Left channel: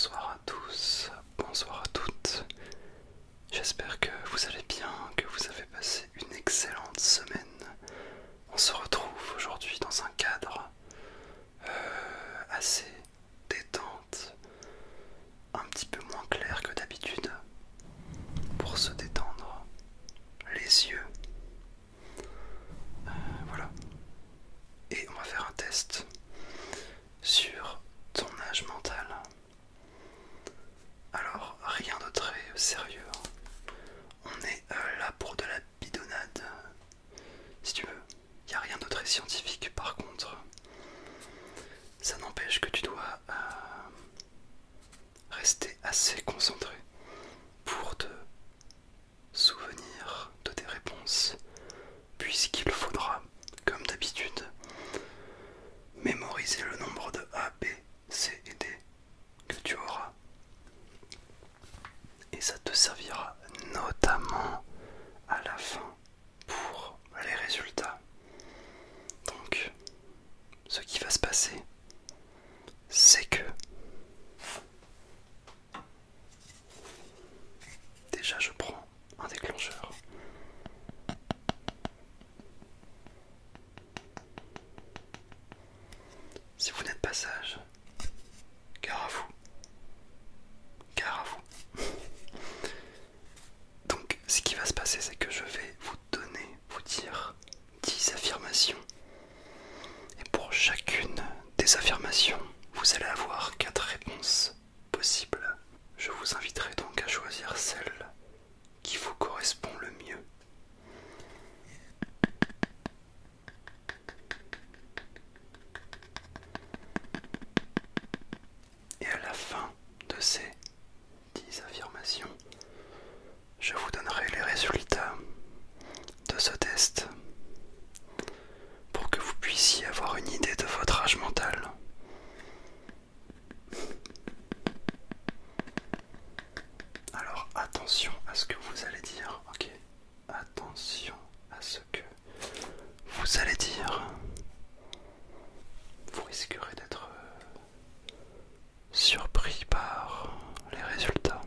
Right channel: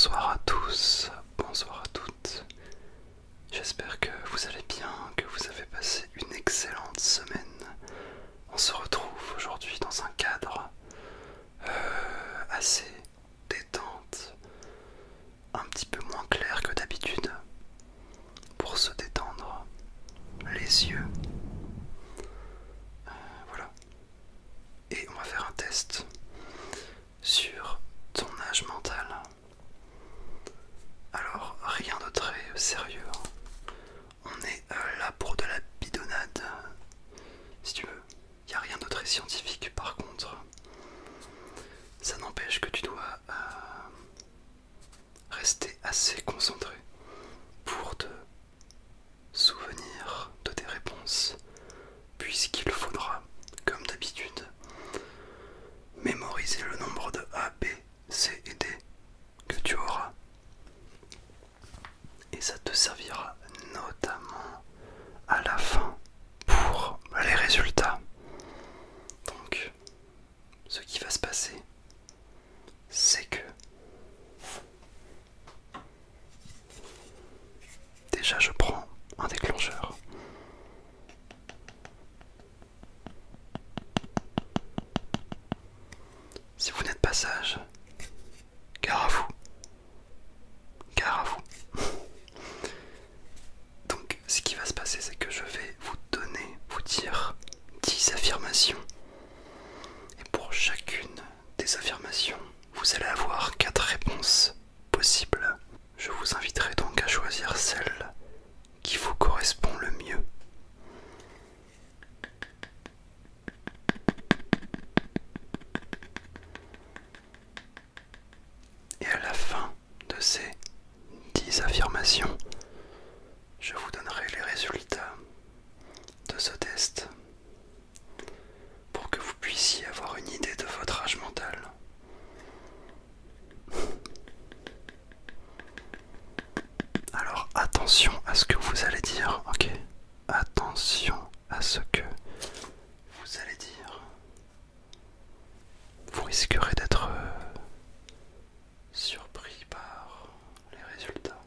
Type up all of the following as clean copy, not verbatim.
Bonsoir à tous, bonsoir à toutes. J'espère que vous allez bien, que vous avez passé une excellente semaine. On se retrouve aujourd'hui dans un cadre assez détente, un petit peu moins clair que d'habitude, pour se détendre les yeux. Voilà. Et on va faire un test sur ton âge mental. Alors, rien de très sérieux. On est là pour de la bidonnade, si tu veux. Il n'y a rien de très scientifique par contre. Ça n'empêche que tu dois rester assez concentré pour te souvenir de tes réponses, puisqu'il faudra, comme d'habitude, mémoriser le nombre de A, B, C et D que tu auras. Et ça te servira notamment à la fin pour les résultats. Donc, ce qui va se passer, c'est que déjà je prends un déclencheur. Si vous n'êtes pas sage, gare à vous. Gare à vous. Donc, ce qui va se passer, c'est que je vais vous dire 10 affirmations. Et pour chacune des affirmations, vous allez avoir 4 réponses possibles. Je vous inviterai donc à choisir celle qui vous correspond le mieux. Et à la fin de ces 10 affirmations, je vous donnerai les résultats de ce test pour que vous puissiez avoir une idée de votre âge mental. Alors attention à ce que vous allez dire, ok? Attention à ce que vous allez dire. Vous risquerez d'être surpris par les résultats.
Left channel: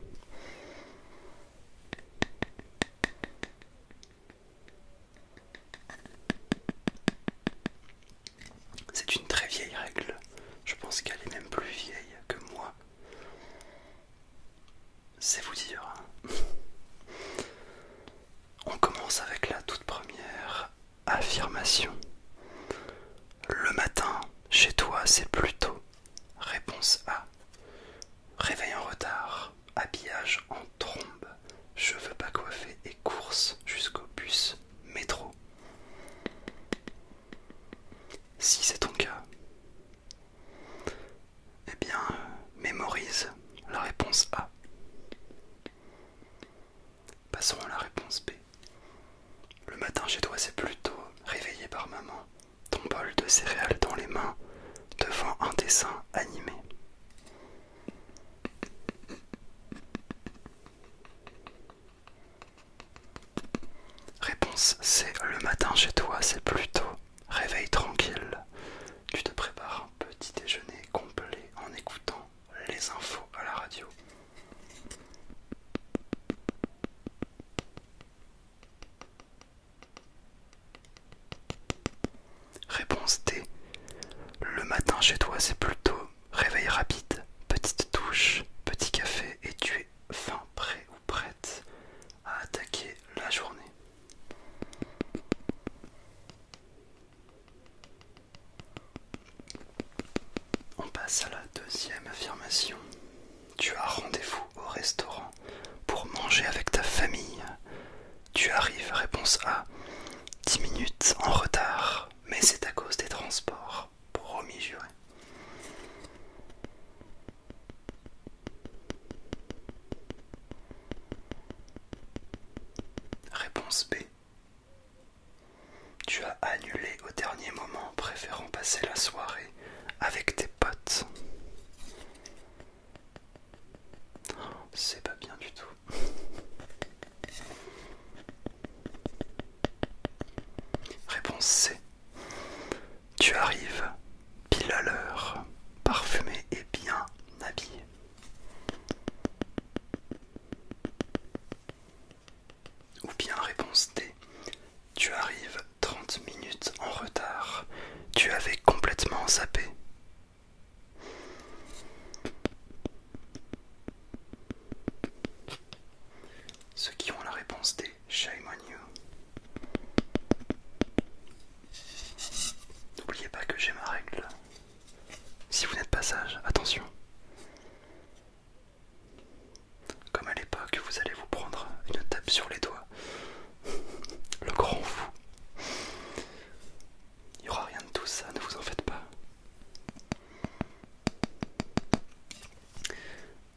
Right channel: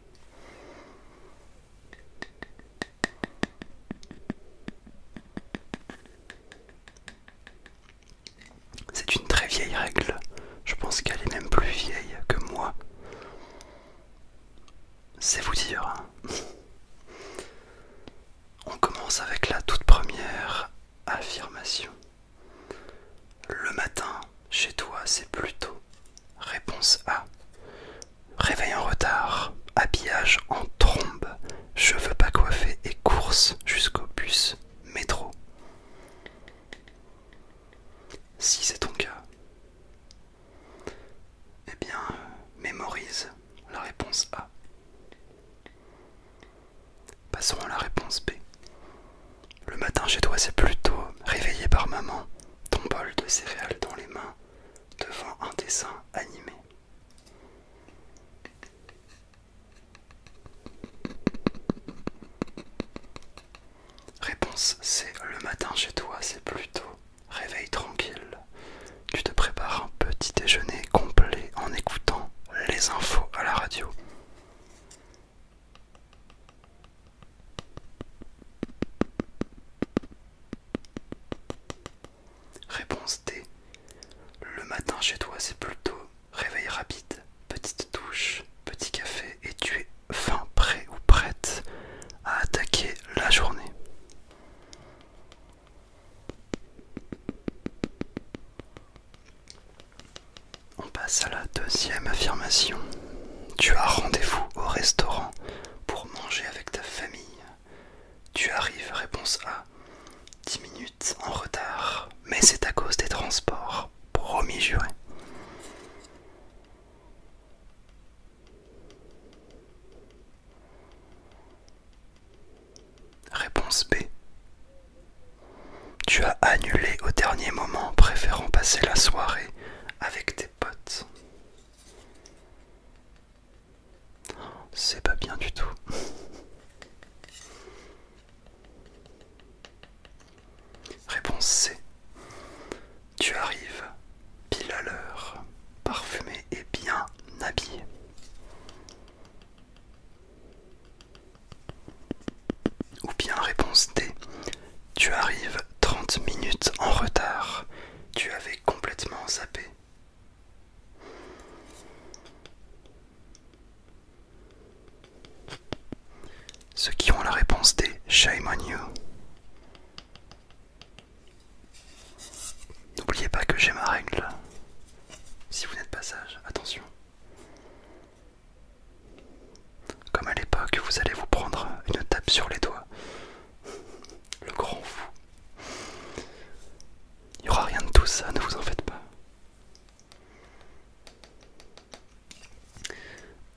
C'est une très vieille règle. Je pense qu'elle est même plus vieille que moi. C'est vous dire. On commence avec la toute première affirmation. Le matin, chez toi, c'est plutôt. Réponse A. Réveil en retard, habillage en trombe, cheveux pas coiffés et course jusqu'au bus métro. Si c'est ton cas, eh bien, mémorise la réponse A. Passons à la réponse B. Le matin chez toi, c'est plutôt réveillé par maman, ton bol de céréales dans les mains, devant un dessin animé. Réponse C. Le matin chez toi, c'est plutôt réveil tranquille. Tu te prépares un petit déjeuner complet en écoutant les infos à la radio. Réponse D. Le matin chez toi, c'est plutôt réveil rapide, petite douche, petit café et tu es fin prêt ou prête à attaquer la journée. On passe à la deuxième affirmation. Tu as rendez-vous au restaurant pour manger avec ta famille. Tu arrives, réponse A, 10 minutes en retard, mais c'est à cause des transports. Promis juré. Réponse B. Tu as annulé au dernier moment, préférant passer la soirée avec tes potes. C'est pas bien du tout. Réponse C. Tu arrives pile à l'heure, parfumé et bien habillé. Shame on you. N'oubliez pas que j'ai ma règle. Si vous n'êtes pas sage, attention. Comme à l'époque, vous allez vous prendre une tape sur les doigts. Le grand fou. Il n'y aura rien de tout ça, ne vous en faites pas.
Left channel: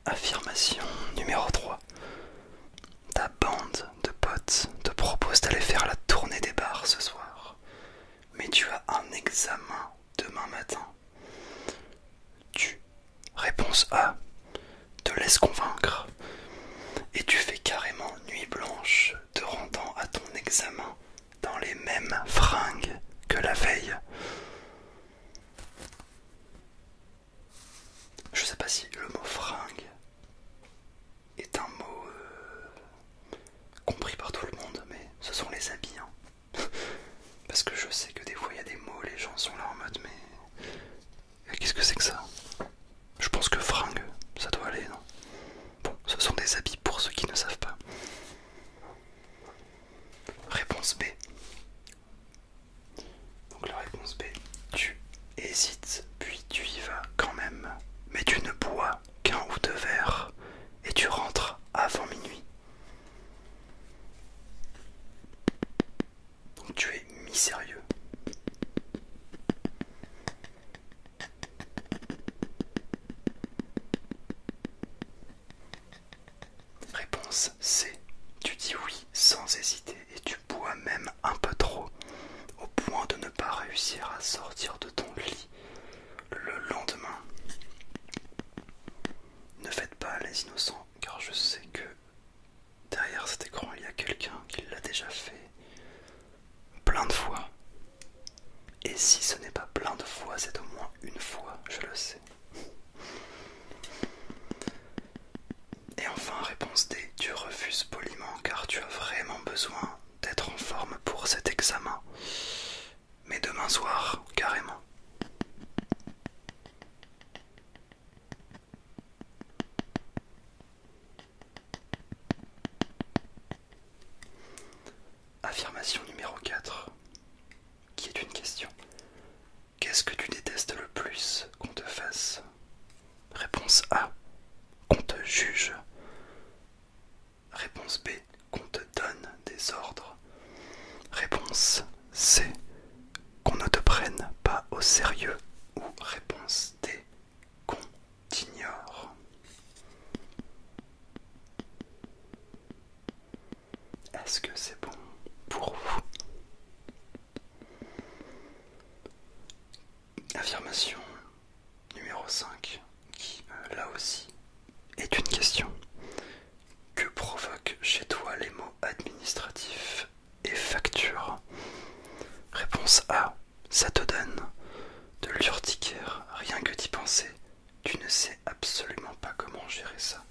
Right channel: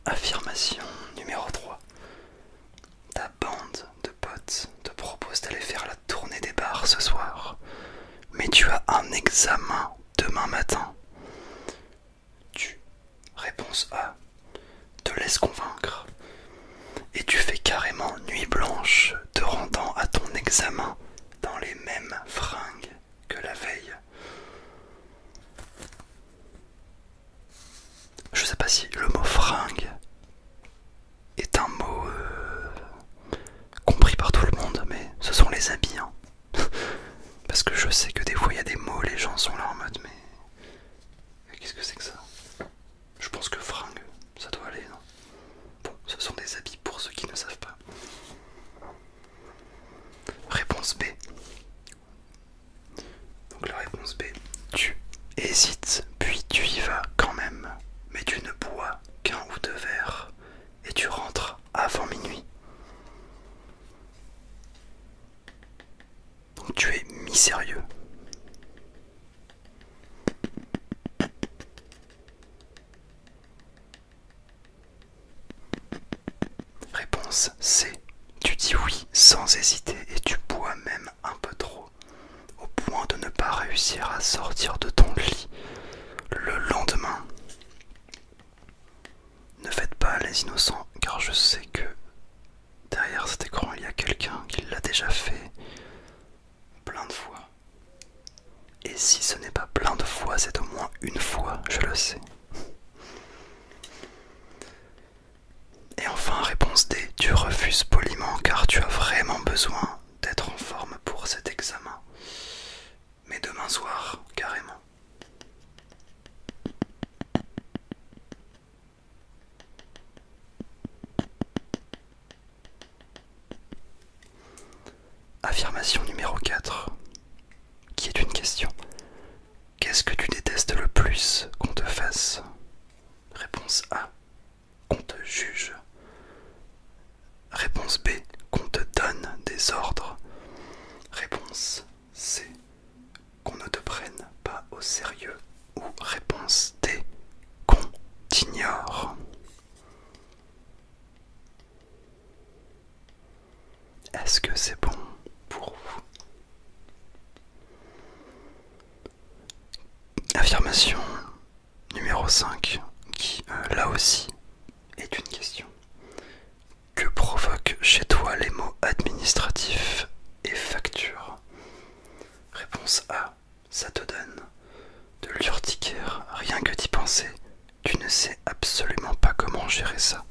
Affirmation numéro 3. Ta bande de potes te propose d'aller faire la tournée des bars ce soir. Mais tu as un examen demain matin. Réponse A. Te laisse convaincre. Et tu fais carrément nuit blanche te rendant à ton examen dans les mêmes fringues que la veille. Je sais pas si le mot fringue est un mot compris par tout le monde, mais ce sont les habits. Hein. Parce que je sais que des fois il y a des mots, les gens sont là en mode mais qu'est-ce que c'est que ça? Je pense que fringue, ça doit aller, non? Bon, ce sont des habits pour ceux qui ne savent pas. Réponse B. Donc la réponse B, tu hésites, puis tu y vas quand même, mais tu ne bois qu'un ou deux verres, et tu rentres avant minuit. Donc tu es mi-sérieux. Réponse C. Tu dis oui sans hésiter et tu bois même un peu trop, au point de ne pas réussir à sortir de ton lit le lendemain. Ne faites pas les innocents, car je sais que derrière cet écran il y a quelqu'un qui l'a déjà fait plein de fois. Et si ce n'est pas plein de fois, c'est au moins une fois, je le sais. Et enfin, réponse D, tu refuses poliment car tu as vraiment besoin d'être en forme pour cet examen. Mais demain soir, carrément. Affirmation numéro 4, qui est une question. Qu'est-ce que tu détestes le plus qu'on te fasse? Réponse A, qu'on te juge. Réponse B, qu'on te donne des ordres. Réponse C, qu'on ne te prenne pas au sérieux. Ou réponse D, qu'on t'ignore. Est-ce que c'est bon pour vous? Affirmation numéro 5, qui là aussi est une question. Que provoquent chez toi les mots administratifs et facture? Réponse A, ça te donne de l'urticaire, rien que d'y penser. Tu ne sais absolument pas comment gérer ça.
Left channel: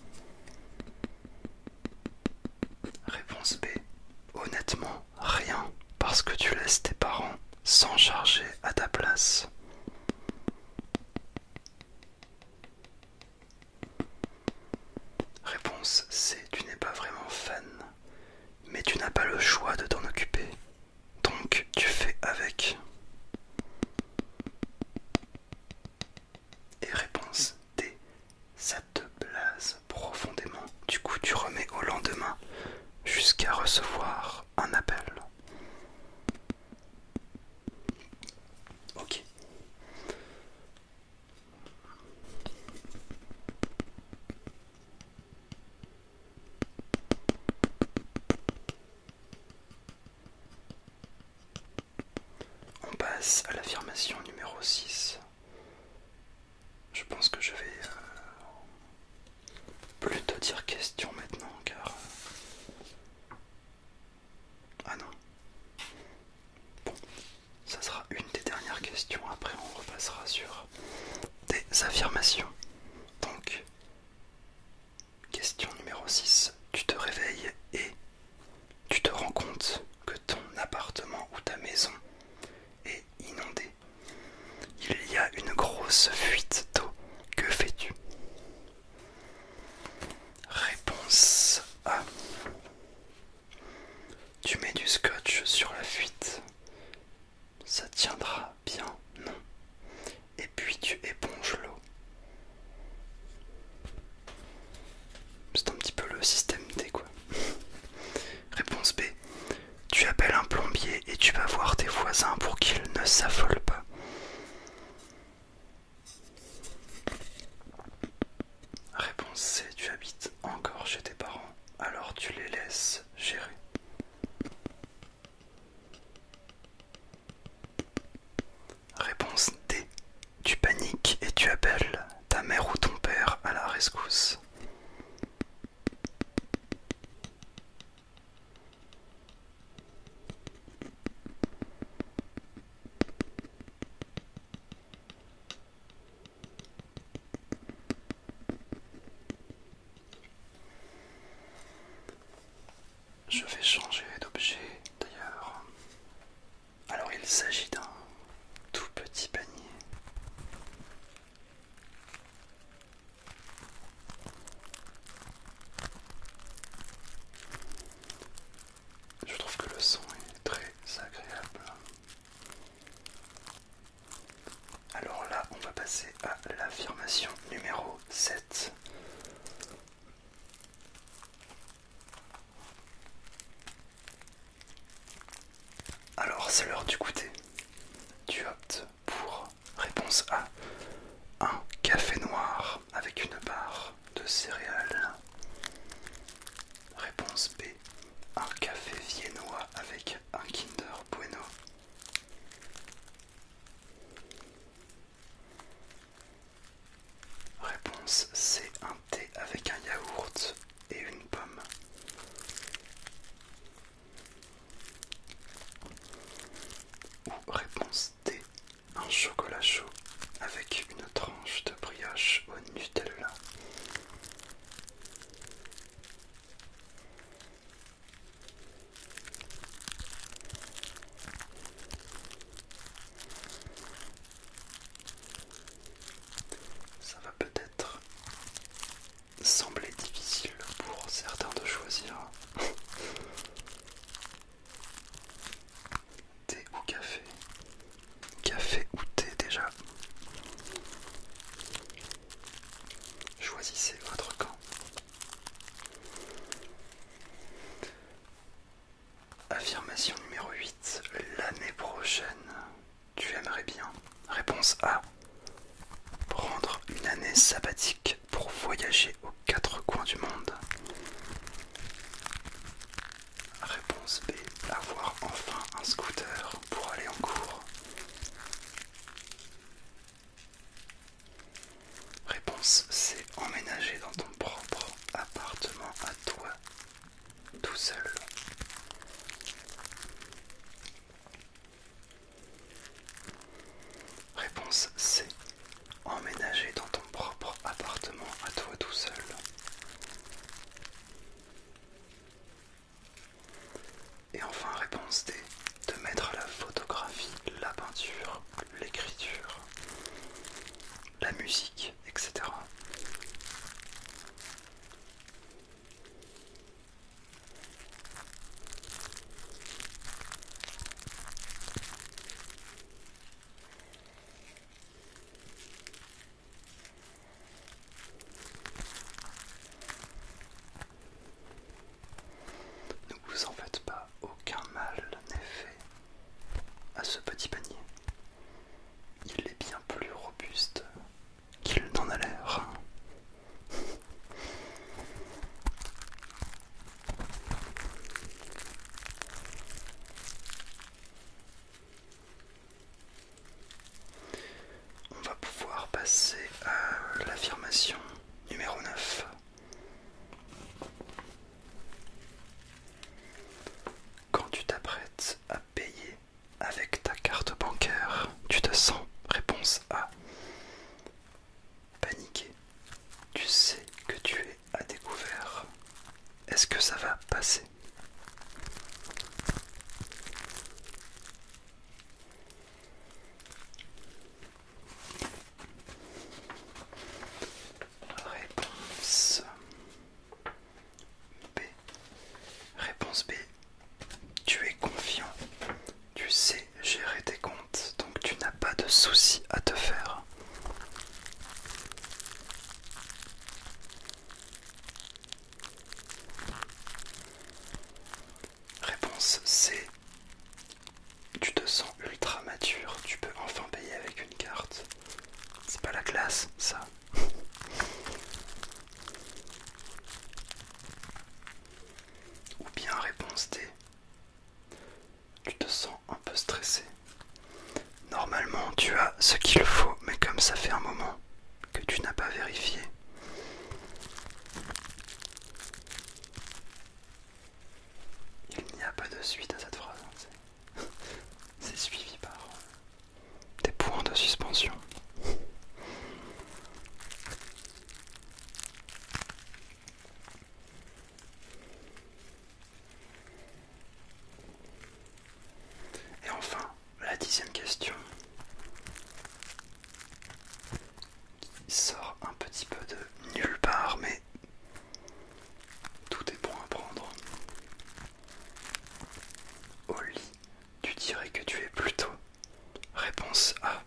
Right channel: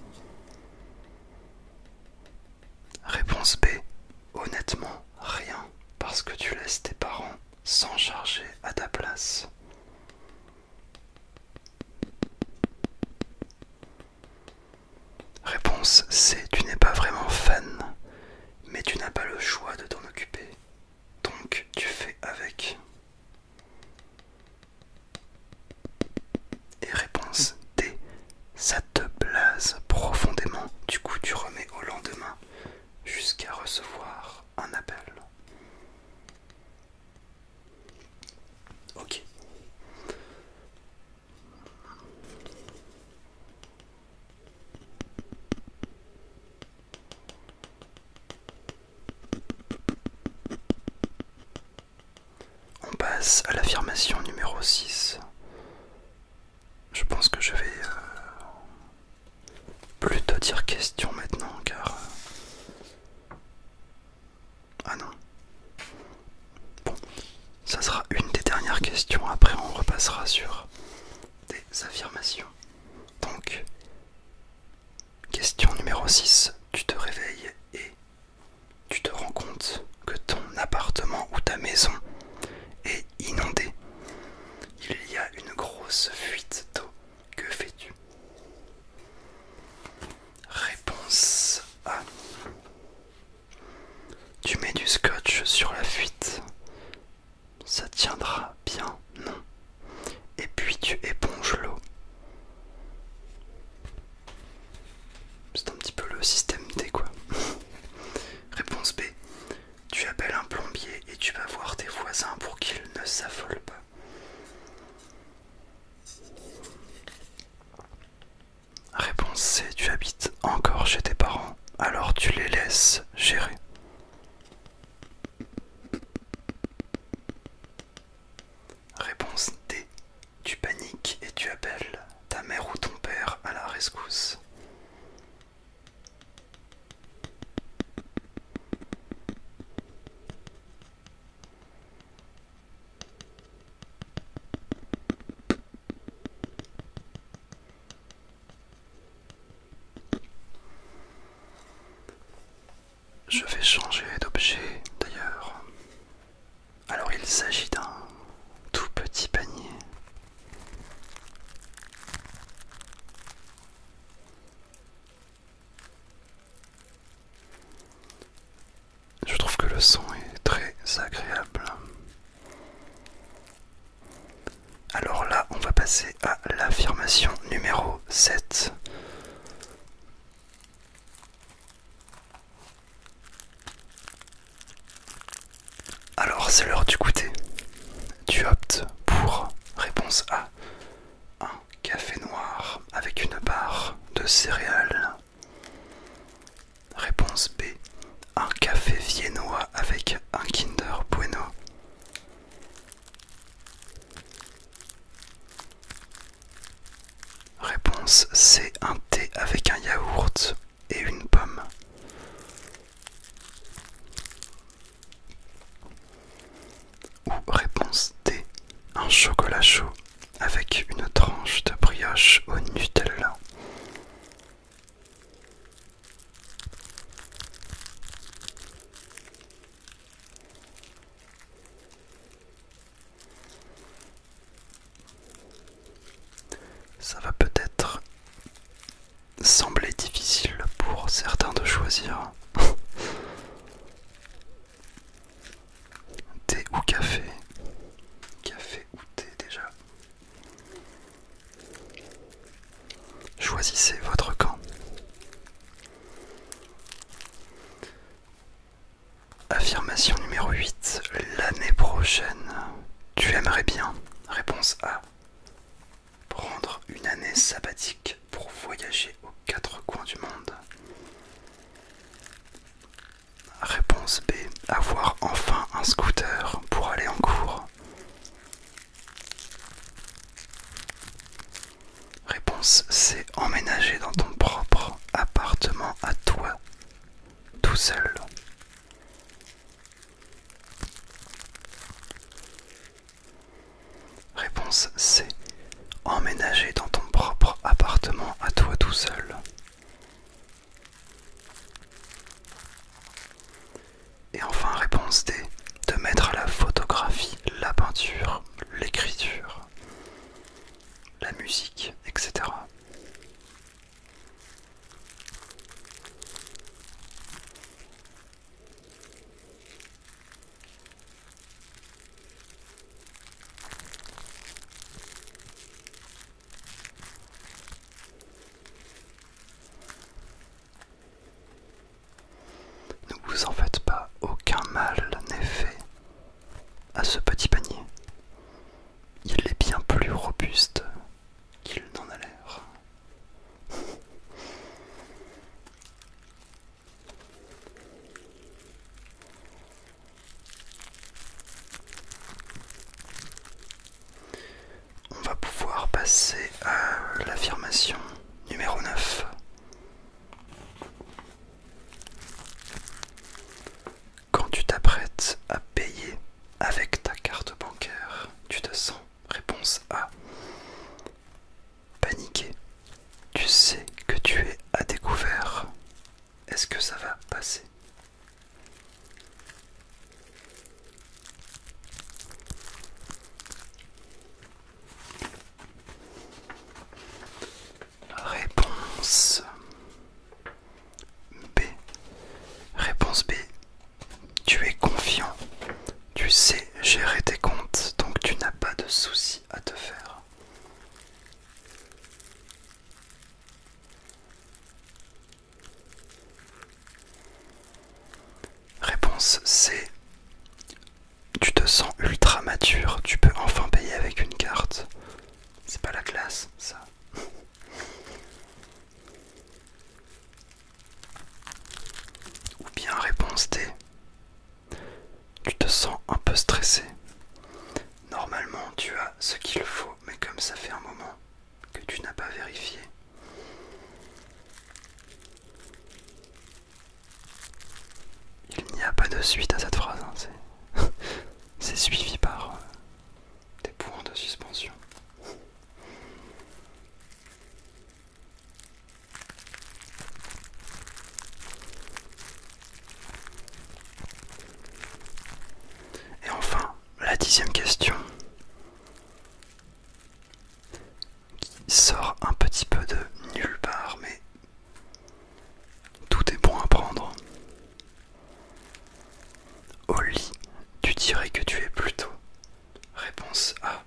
Réponse B, honnêtement, rien, parce que tu laisses tes parents s'en charger à ta place. Réponse C, tu n'es pas vraiment fan, mais tu n'as pas le choix de t'en occuper, donc tu fais avec. Et réponse D, ça te blase profondément, du coup tu remets au lendemain jusqu'à recevoir un appel. Ok. On passe à l'affirmation numéro 6. Je pense que je vais plutôt dire question maintenant, car... Ah non. Bon, ça sera une des dernières questions, après on repassera sur des affirmations. Donc, question numéro 6. Tu te réveilles et tu te rends compte que ton appartement ou ta maison est inondé. Il y a une grosse fuite d'eau. Que fais-tu? Réponse scotch sur la fuite. Ça tiendra bien, non? Et puis tu éponges l'eau. C'est un petit peu le système D quoi. Réponse B. Tu appelles un plombier et tu vas voir tes voisins pour qu'ils ne s'affolent pas. Réponse C. Tu habites encore chez tes parents, alors tu les laisses gérer. Réponse D. Tu paniques et tu appelles ta mère ou ton père à la rescousse. Je vais changer d'objet d'ailleurs. Alors il s'agit d'un tout petit panier. Je trouve que le son est très agréable. Alors là, on va passer à l'affirmation numéro 7. Alors c'est l'heure du goûter. Tu optes pour réponse A, un café noir avec une barre de céréales. Réponse B, un café viennois avec un Kinder Bueno. Réponse C, un thé avec un yaourt et une pomme. Ou réponse D, un chocolat chaud avec une tranche de brioche au Nutella. Ça va peut-être sembler difficile pour certains de choisir. Thé ou café? Café ou thé déjà? Choisissez votre camp. Affirmation numéro 8. L'année prochaine, tu aimerais bien. Réponse A. Prendre une année sabbatique pour voyager aux quatre coins du monde. Réponse B. Avoir enfin un scooter pour aller en cours. Réponse C. Emménager dans ton propre appartement à toi, tout seul. Réponse C. Emménager dans ton propre appartement à toi tout seul. Et enfin réponse D. De mettre la photographie, la peinture, l'écriture, la musique, etc. Ne vous en faites pas, aucun mal n'est fait à ce petit panier. Il est bien plus robuste qu'il n'en a l'air. On va pouvoir passer à l'affirmation numéro 9. Quand tu t'apprêtes à payer avec ta carte bancaire, tu te sens, réponse A, paniqué. Tu sais que tu es à découvert. Est-ce que ça va passer? Réponse B. Réponse B. Tu es con. réponse C. Tu te sens ultra mature, tu peux enfin payer avec une carte. C'est pas la classe, ça. Ou bien réponse D. Tu te sens un peu stressé. Normalement, tu as ce qu'il faut, mais comme ça fait un moment que tu n'as pas vérifié. Il n'y a pas de suite à cette phrase, hein. C'est suivi par des points de suspension. Et enfin, la 10e question, qui sort un petit peu de nulle part, mais tout est bon à prendre. Au lit, tu dirais que tu es plutôt. Réponse A.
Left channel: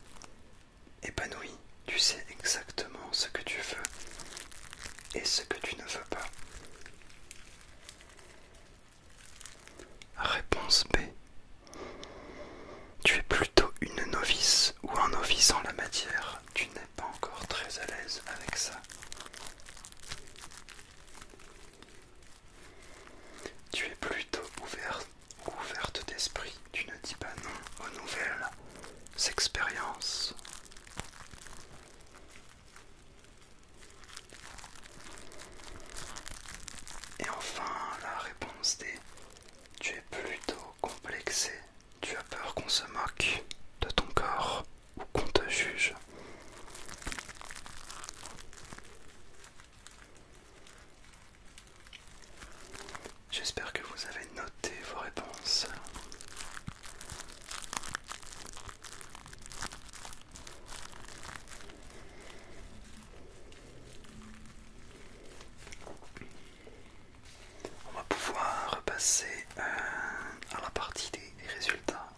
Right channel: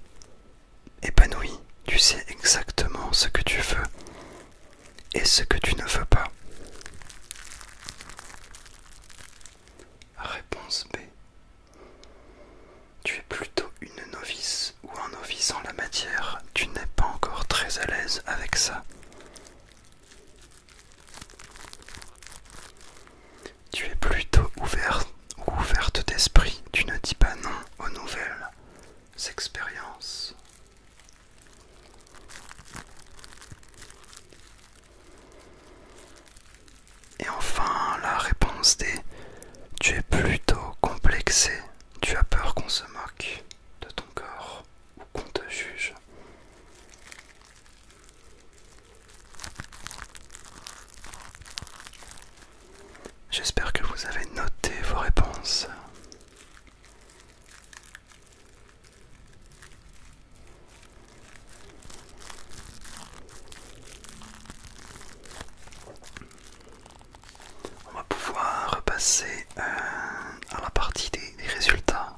Épanoui, tu sais exactement ce que tu veux et ce que tu ne veux pas. Réponse B. Tu es plutôt une novice ou un novice en la matière, tu n'es pas encore très à l'aise avec ça. Tu es plutôt ouverte d'esprit, tu ne dis pas non aux nouvelles expériences. Et enfin, la réponse D. Tu es plutôt complexé, tu as peur qu'on se moque de ton corps ou qu'on te juge. J'espère que vous avez noté vos réponses. On va pouvoir passer à la partie des résultats.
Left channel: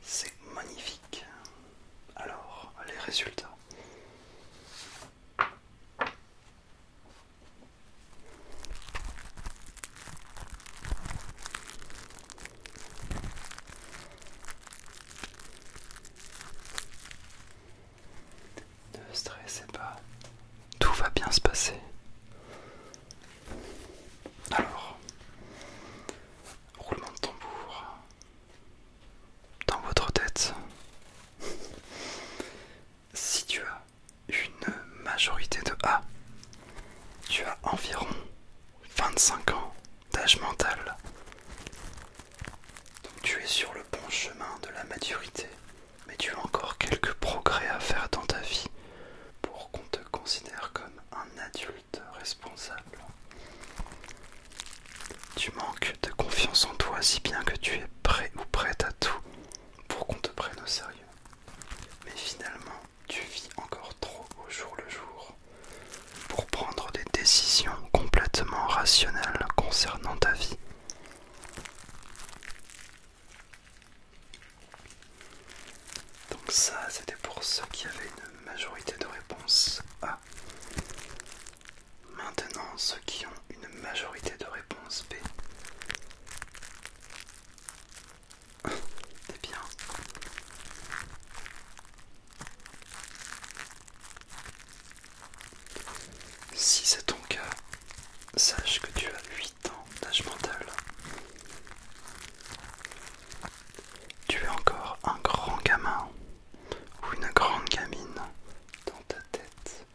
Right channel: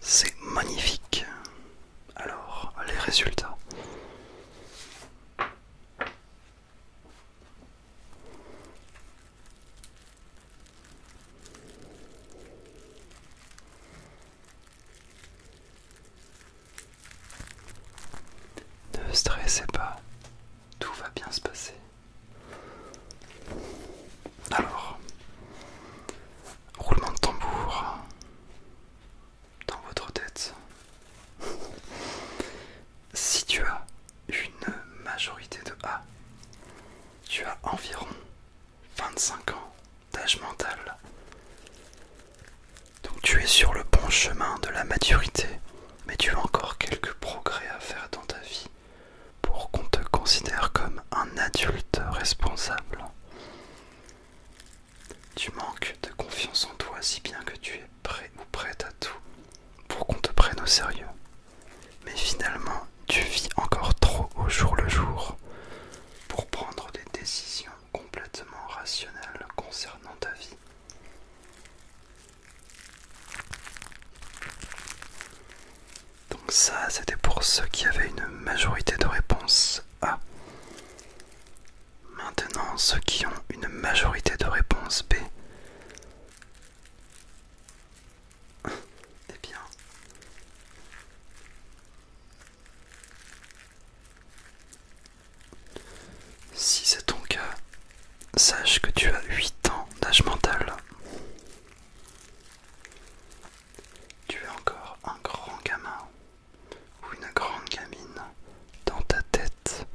C'est magnifique. Alors, les résultats. Ne stressez pas, tout va bien se passer. Alors, roulement de tambour dans votre tête. Si tu as une majorité de A, tu as environ 25 ans d'âge mental. Donc tu es sur le bon chemin de la maturité, mais tu as encore quelques progrès à faire dans ta vie pour qu'on te considère comme un adulte responsable. Tu manques de confiance en toi si bien que tu es prêt ou prête à tout pour qu'on te prenne au sérieux. Mais finalement, tu vis encore trop au jour le jour pour prendre des décisions complètement rationnelles concernant ta vie. Donc ça, c'était pour ceux qui avaient une majorité de réponses A. Maintenant, ceux qui ont une majorité de réponses B. Eh bien, si c'est ton cas, sache que tu as 8 ans d'âge mental. Tu es encore un grand gamin ou une grande gamine dans ta tête.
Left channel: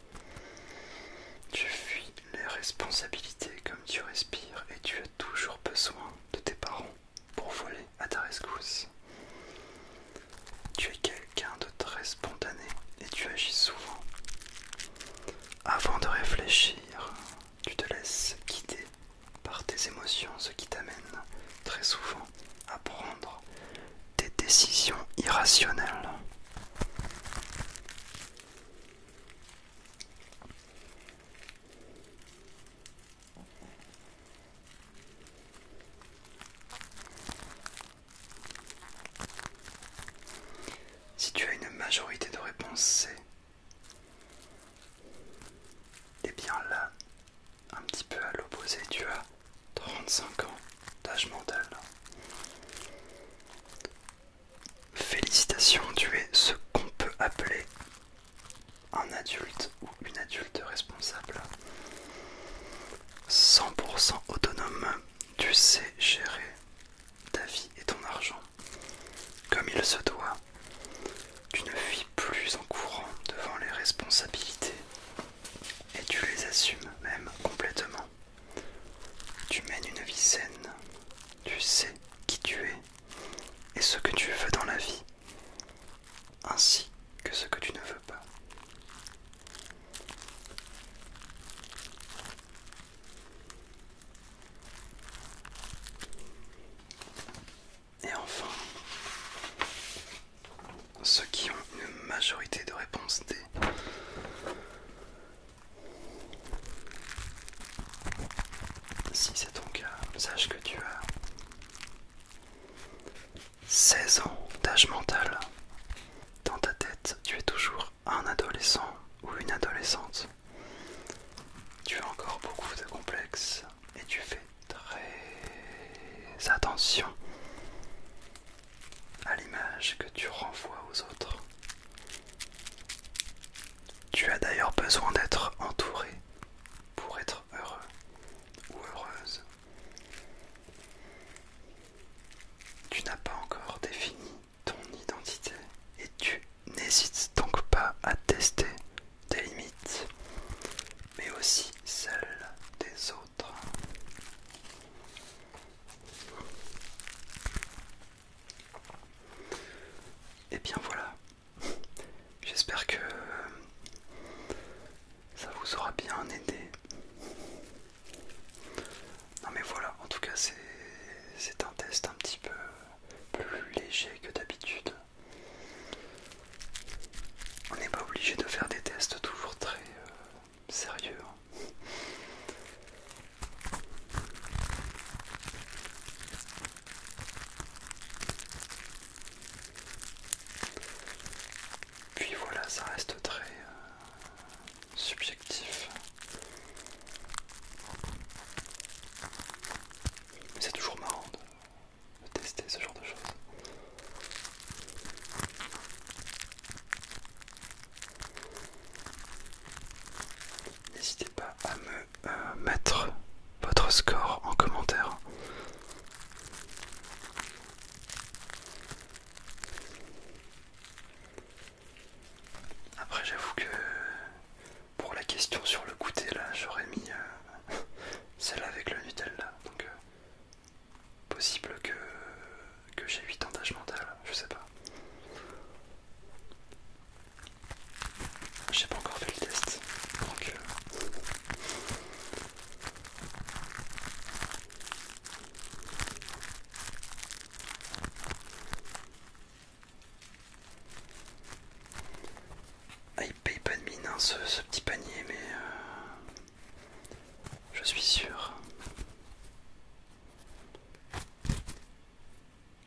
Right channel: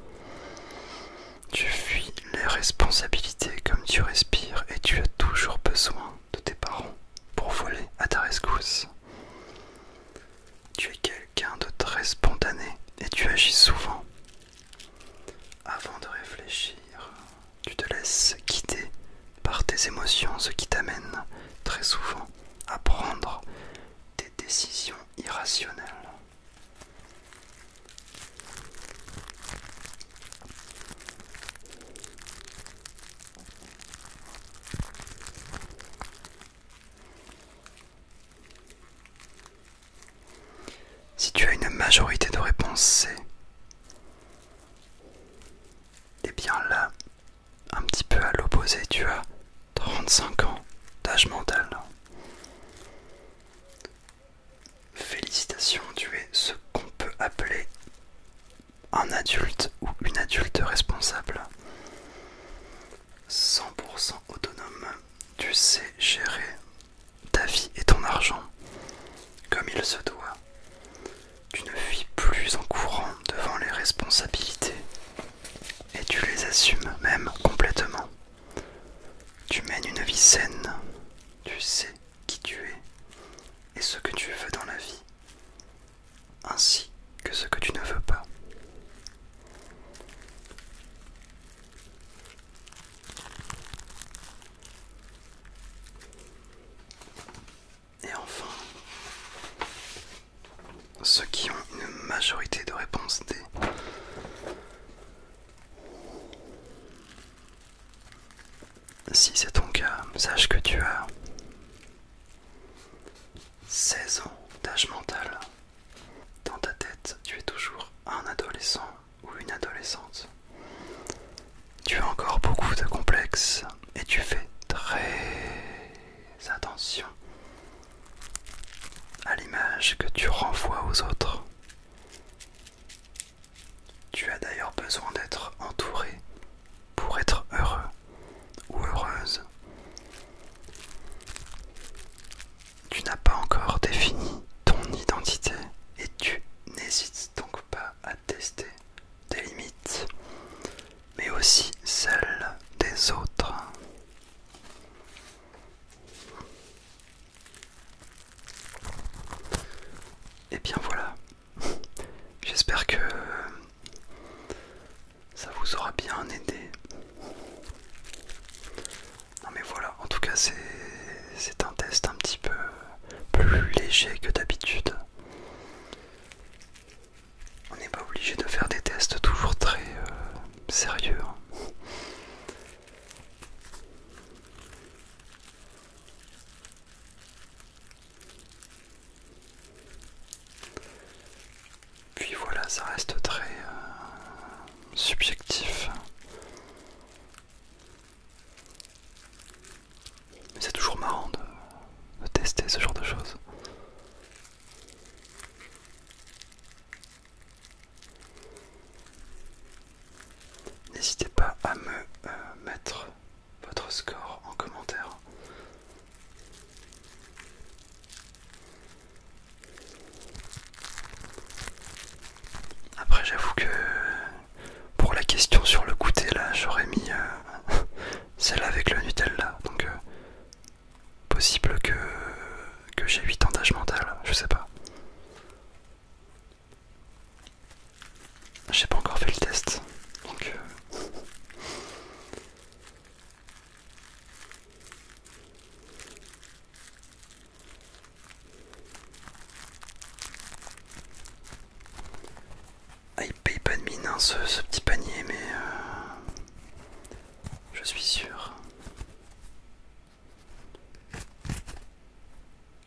Tu fuis les responsabilités comme tu respires et tu as toujours besoin de tes parents pour voler à ta rescousse. Tu es quelqu'un de très spontané et tu agis souvent. Avant de réfléchir, tu te laisses guider par tes émotions, ce qui t'amène très souvent à prendre des décisions irrationnelles. Si tu as une majorité de réponses C, et bien là, un petit peu à l'opposé, tu as 35 ans d'âge mental. responsable, 100% autonome. Tu sais gérer ta vie et ton argent comme il se doit. Tu ne fuis plus en courant devant les responsabilités et tu les assumes même complètement. Tu mènes une vie saine, tu sais qui tu es et ce que tu veux dans la vie, ainsi que ce que tu ne veux pas. Et enfin, ceux qui ont une majorité de réponses D. Si c'est ton cas, sache que tu as 16 ans d'âge mental. Dans ta tête, tu es toujours un adolescent ou une adolescente. Tu as encore beaucoup de complexes et tu fais très attention à l'image que tu renvoies aux autres. Tu as d'ailleurs besoin d'être entouré pour être heureux ou heureuse. Tu n'as pas encore défini ton identité et tu n'hésites donc pas à tester tes limites, mais aussi celles des autres. Et bien voilà, j'espère que ça vous aura bien aidé. Non mais voilà, en tout cas c'est un test un petit peu plus léger que d'habitude. On n'est pas obligé de faire des tests toujours très sérieux. Puis voilà, ça reste très subjectif. Mais c'est toujours marrant de tester ce genre de choses. N'hésitez pas à me mettre votre score en commentaire. Après j'avoue que pour la question sur le goûter là, j'aurais mis celle avec le Nutella. Donc possible que j'ai 8 ans d'âge mental, je sais pas. J'ai pas encore fait le test. Donc ah, il paye pas de mine hein, ce petit panier, mais je suis sûr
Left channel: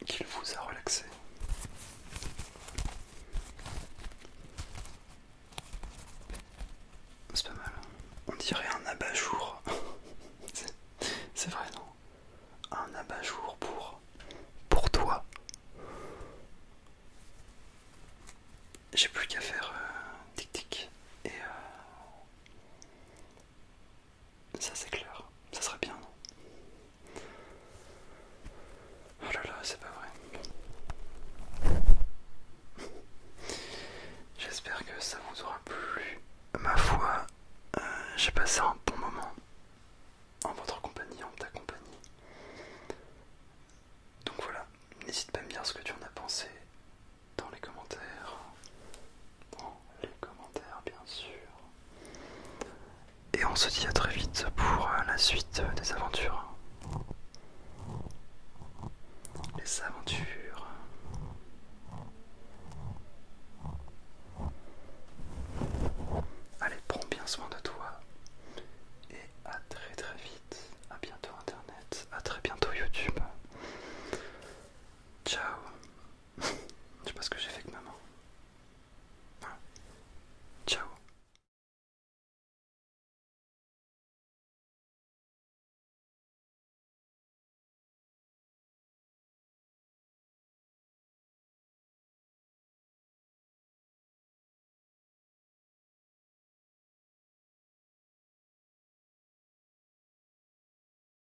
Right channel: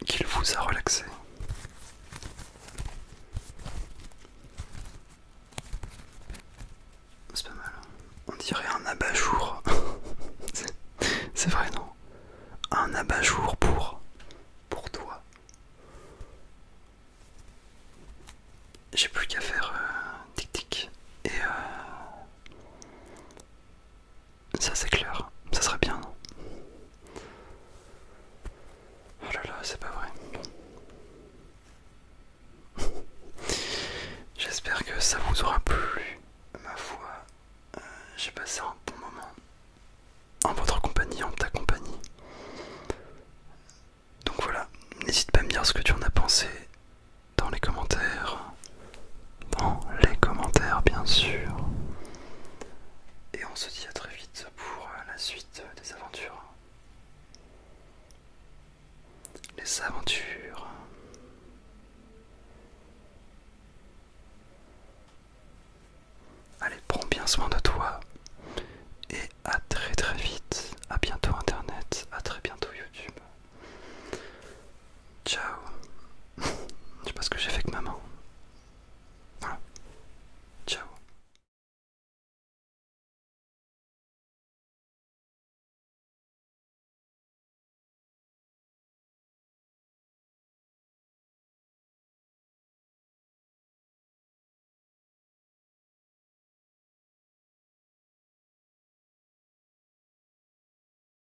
qu'il vous a relaxé. C'est pas mal. On dirait un abat-jour. C'est vrai, non? Un abat-jour pour toi. J'ai plus qu'à faire tic tic et ça c'est clair, ça serait bien. Oh là là, c'est pas vrai. J'espère que ça vous aura plu. Ma foi, j'ai passé un bon moment en votre compagnie, en ta compagnie. Donc voilà, n'hésite pas à me dire ce que tu en as pensé dans les commentaires. Dans les commentaires, bien sûr. Et on se dit à très vite pour la suite des aventures. Les aventures